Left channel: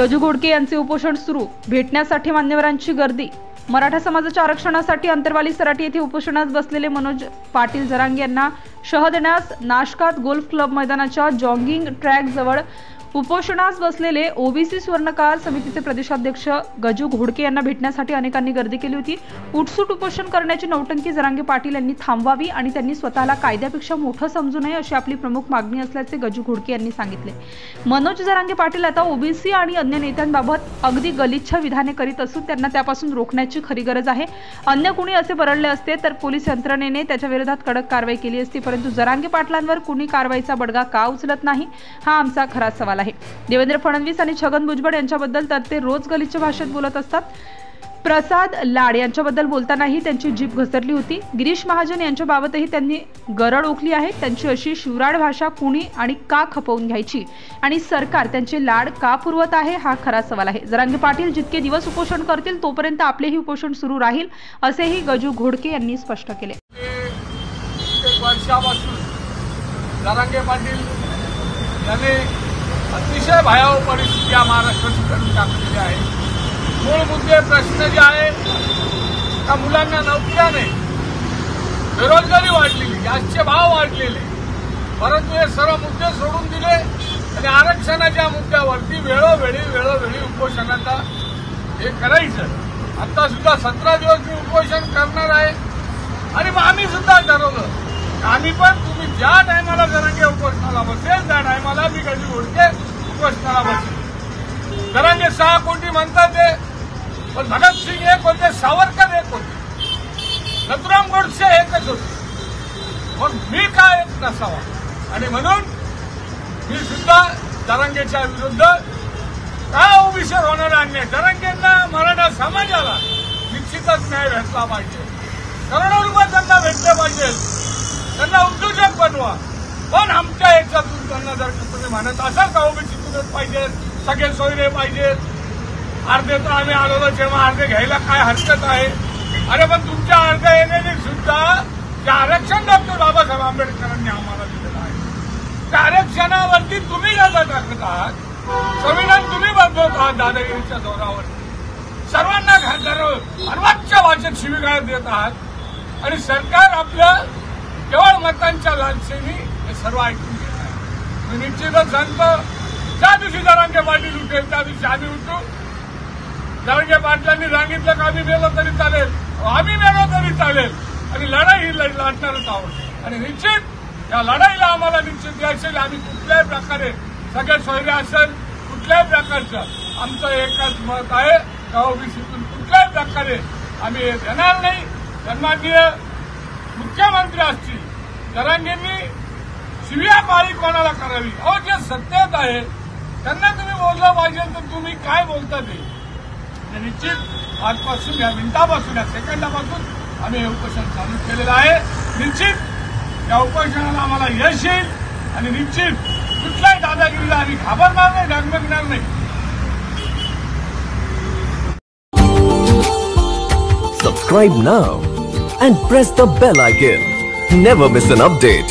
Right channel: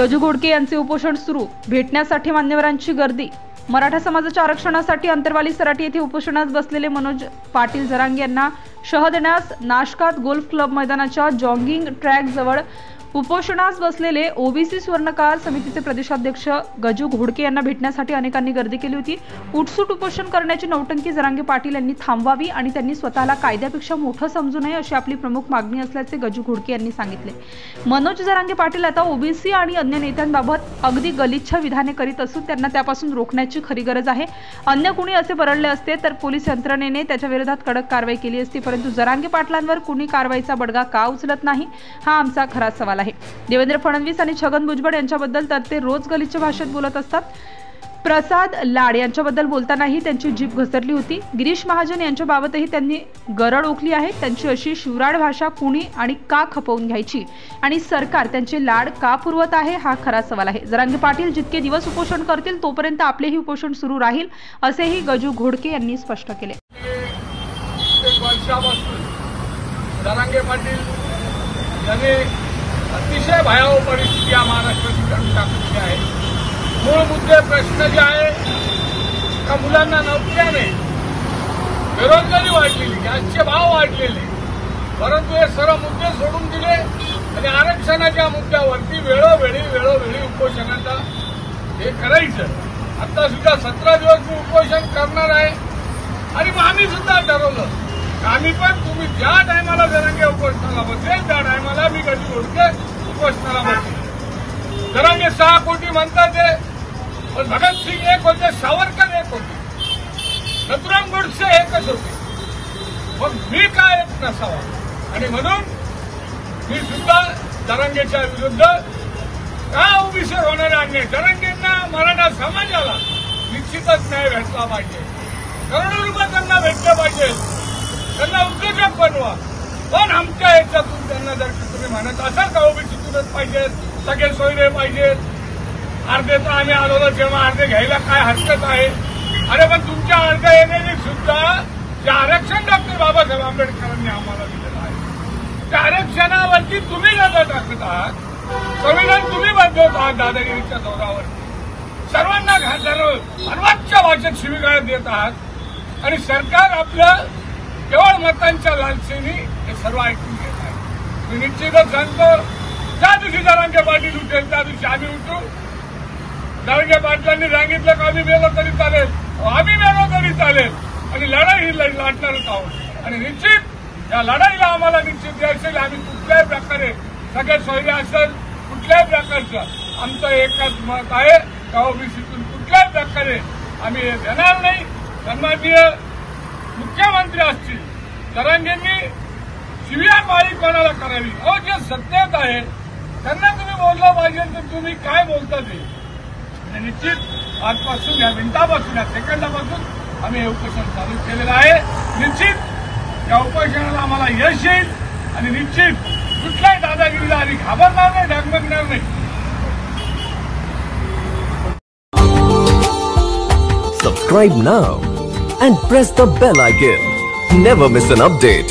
गजू घोडके यांचे उपोषण सुरू, भेटण्यासाठी मान्यवरांची गर्दी। मराठा समाजाच्या आरक्षणासाठी अंतरवाली सराटी येथे उपोषणास बसलेले मनोज पाटील जरांगे यांना शह देण्यास नाशकात गोल्फ क्लब मैदानाच्या जॉगिंग ट्रॅक जवळ उपोषणास बसलेले ओबीसी सुवर्णकार समितीचे प्रदेशाध्यक्ष गजू घोडके यांना भेटण्यासाठी अनेकांनी गर्दी केली होती। उठसूट उपोषण करण्याची नौटंकी जरांगे पाटील यांनी थांबवावी आणि त्यांनी स्वतःला कायद्यापेक्षा मोठं समजू नये अशी आपली प्रमुख मागणी असल्याचे गजू घोडके यांनी सांगितले। मनोज जरांगे पाटील आता ओबीसी आणि अन्य नेत्यांबाबत अगदी गलिच्छ विधाने करीत असून त्यांना त्यापासून रोखण्याची खरी गरज आहे। अन्य कुणी असे बरळले असते तर पोलीस यंत्रणेने त्याच्या विरोधात कडक कारवाई केली असती, परंतु जरांगे पाटलांवर कुणी कारवाईचा बडगा का उचलत नाही हा आमचा खरा सवाल आहे। देवेंद्र फडणवीस आणि छगन भुजबळ यांच्याबद्दल तर ते रोज गलिच्छ भाषेत बोलत असतात। प्रसाद लाड यांच्याबद्दल बोलतानाही त्यांची जीभ घसरली होती। गिरीश महाजन यांच्याबाबतही त्यांनी गरळ ओकली आहे। त्यांची अशी शिवराळ भाषा कुणी आणि का खपवून घ्यायची आणि सरकार त्यांचे लाड का पुरवत आहे हा खरा सवाल आहे। जरांगे पाटील जितके दिवस उपोषण करतील तोपर्यंत आपलेही उपोषण सुरू राहील असेही गजू घोडके यांनी स्पष्ट केले। जरांगे पाटील यांनी अतिशय भयावह परिस्थिती या महाराष्ट्राची करून टाकलेली आहे। मूळ मुद्दे प्रश्न जे आहे त्या मुलांना नोकऱ्याने बेरोजगारी वाढलेली, गॅसचे भाव वाढलेले, परंतु हे सर्व मुद्दे सोडून दिले आणि आरक्षणाच्या मुद्द्यावरती वेळोवेळी उपोषणाचा हे करायचं। आता सुद्धा 17 दिवस मी उपोषण करणार आहे आणि मग आम्ही सुद्धा ठरवलं आम्ही पण तुम्ही ज्या टायमाला जरांगे उपोषणाला बसेल त्या टायमाला मी गजू घोडके उपोषणाला बसेल। जरांगे 6 कोटी म्हणतात ते, पण भगतसिंग एक होते, सावरकर एक होते, नथुराम गोडसे एकच होते, मग मी काय एक नसावा। आणि म्हणून मी सुद्धा जरांगेच्या विरुद्ध काय ओबीसी होणारे अन्याय, जरांगेंना मराठा समाजाला निश्चितच न्याय भेटला पाहिजे, करोडो रुपये त्यांना भेटले पाहिजे, त्यांना उद्योजक बनवा। पण आमच्या याच्यातून त्यांना जर तुम्ही म्हणत असाल का ओबीसीतूनच पाहिजेत, सगळे सोयरे पाहिजेत, अर्धे तर आम्ही आलो जेव्हा अर्धे घ्यायला काय हरकत आहे। अरे पण तुमच्या अर्ध्या येण्याने सुद्धा जे आरक्षण डॉक्टर बाबासाहेब आंबेडकरांनी आम्हाला दिलेलं आहे त्या आरक्षणावरती तुम्ही नजर टाकत आहात, संविधान तुम्ही बदलत आहात दादागिरीच्या जोरावरती, सर्वांना सर्वोच्च भाषेत शिवीगाळ देत आहात आणि सरकार आपलं केवळ मतांच्या लालसेने हे सर्व ऐकून घेत आहे। मी निश्चितच सांगतो ज्या दिवशी जरांगे पाटील उठेल त्या दिवशी आम्ही उठू। जरांगे पाटलांनी सांगितलं का आम्ही गेलो तरी चालेल, आम्ही गेलो तरी चालेल आणि लढाई ही लढणारच आहोत आणि निश्चित या लढाईला आम्हाला निश्चित यायचं आम्ही कुठल्याही प्रकारे सगळे सोयरे असेल कुठल्याही प्रकारचं आमचं एकच मत आहे का ओबीसीतून कुठल्याही प्रकारे आम्ही घेणार नाही। सन्माननीय मुख्यमंत्री असतील जरांगेंनी शिवीगाळी कोणाला करावी, अहो जे सत्तेत आहे त्यांना तुम्ही बोललं पाहिजे तर तुम्ही काय बोलता ते निश्चित आजपासून या मिनिटापासून या सेकंदापासून आम्ही हे उपोषण चालू केलेलं आहे। निश्चित या उपोषणाला आम्हाला यश येईल आणि निश्चित कुठल्याही दादागिरीला आम्ही घाबरणार नाही, डगमगणार नाही। Subscribe now and press the bell icon. Never miss an update.